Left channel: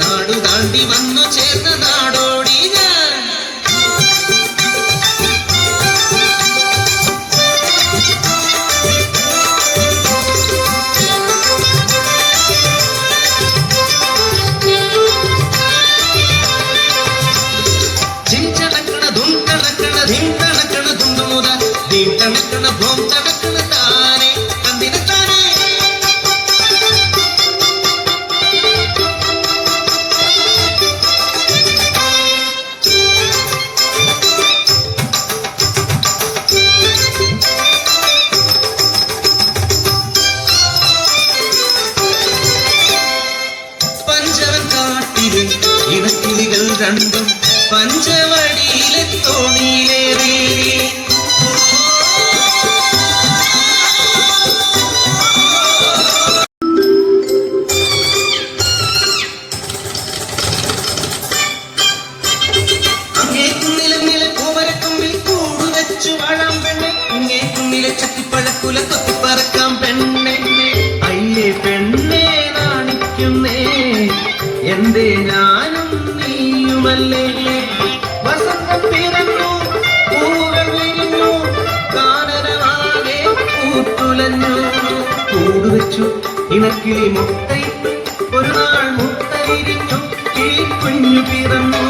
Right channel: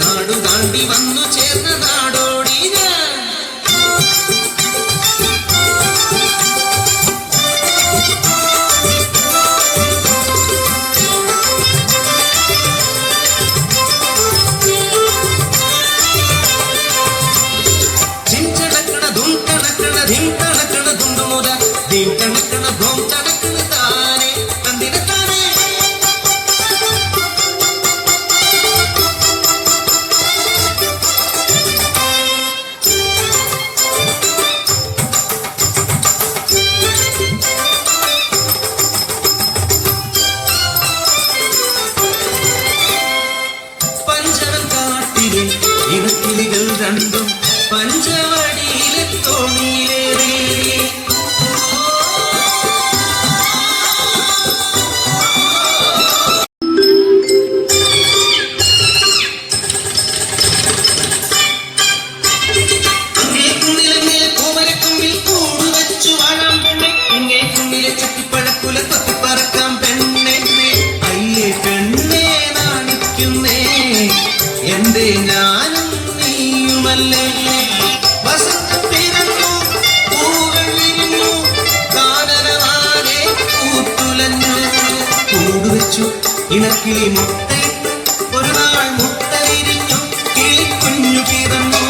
നാടു താണ്ടി വന്നു ചേർന്ന നാടോടി ഞാൻ ചിഞ്ചടക്കണ ധും തണക്കണ ധിം തണക്കണ ധുണ്ടുമുത ധിം തണക്കണ ധോം തണക്കണ താനെ തന്തിന താനെ ഇണക്കിളികൾ രണ്ടും പഞ്ചവടിയിലെ തോണിയിലേറി അങ്ങേ കുന്നിലെ കോവരക്കൊമ്പിൽ കൂടുവച്ചു വാഴാം പെണ്ണെ ഇങ്ങേ കുന്നിലെ ചക്കുപഴക്കുല കൊത്തിപ്പറക്കാം പെണ്ണെ അയ്യേ പെണ്ണെ നാണിക്കുന്നേ എന്തേ ഞാനും നീയുമല്ലേ വസന്തം പിറന്നു പൂവൻ വിരിഞ്ഞു കാനനമാകെ പൂത്തുലഞ്ഞു കൂടുവച്ചു ഇണക്കിളി മുട്ടയിട്ട് ഒരു നാൾ മുട്ട വിരിഞ്ഞു കിളിക്കുഞ്ഞു പിറന്നു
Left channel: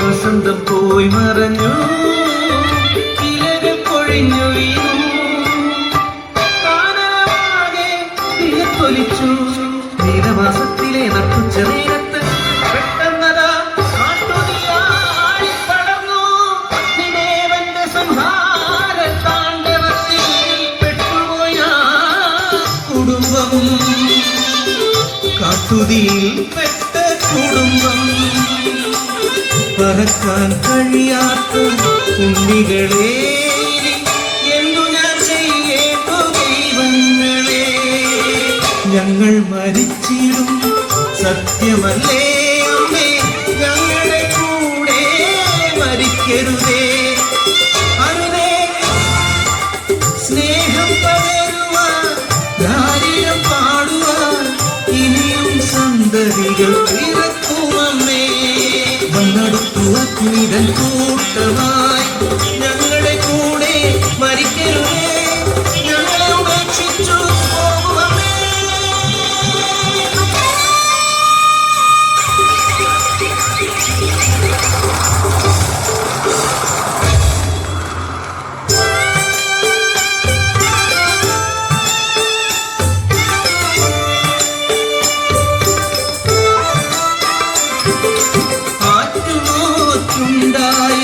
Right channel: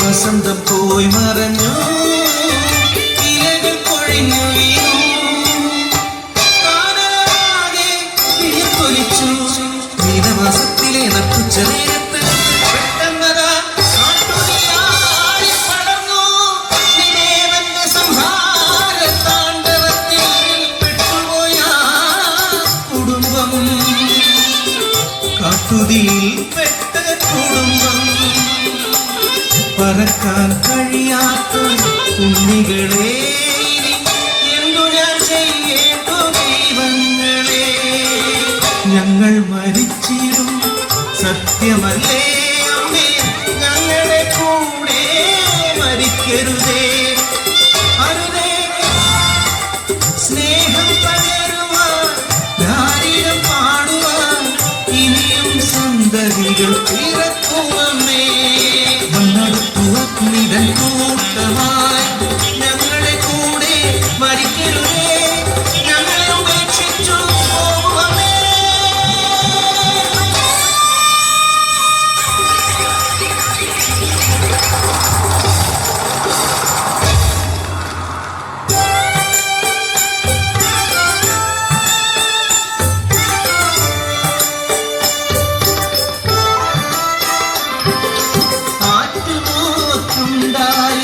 വസന്തം പോയി മറഞ്ഞു ഇലകൾ കൊഴിഞ്ഞു വീണു നീലമാസത്തിലെ നട്ടുച്ചനേരത്ത് പെട്ടെന്നതാ പടർന്നു ദേവന്റെ സംഹാര താണ്ഡവത്തിൽ പെട്ടുപോയ കുടുംബം കാട്ടുതീയിൽ പെട്ട കുടുംബം പറക്കാൻ കഴിയാത്ത ഉണ്ണികളെ എന്തു ഞാൻ ചെയ്യേണ്ടു ദൈവങ്ങളെ ഞങ്ങൾ മരിച്ചിടും സത്യമല്ലേ അമ്മേ ഞങ്ങളുടെ കൂടെ മരിക്കരുതേ അരുതേ സ്നേഹം പകരുവാൻ ധാരിയം പാടുവാൻ ഇനിയും സന്തതികൾ പിറക്കുമമ്മേ വന്നടുക്കുവീടൻ കൂട്ടമായി ഞങ്ങളുടെ കൂടെ മരിക്കരുതേ ഞങ്ങളെ ഉപേക്ഷിച്ചു പോകുമേ ായ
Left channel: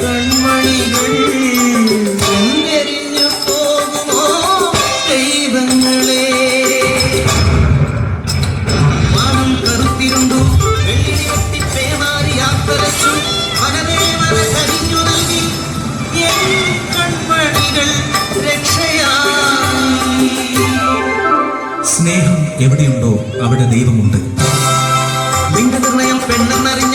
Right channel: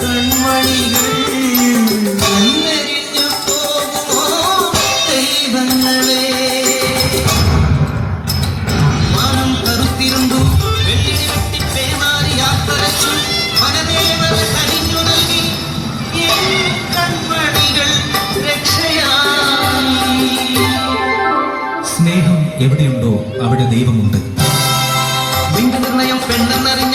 കൺമണികൾ എന്തെരിഞ്ഞു പോകുമോ ദൈവങ്ങളെ വാനം കറുത്തിരുണ്ടു വെള്ളിയൊട്ടി പേമാറി യാത്രച്ചു വനദേവന കരിഞ്ഞു നൽകി കൺമണികൾ രക്ഷയായി സ്നേഹം എവിടെയുണ്ടോ അവിടെ ദൈവമുണ്ട് നിന്റെ നിർണയം പെണ്ണെന്നറിഞ്ഞ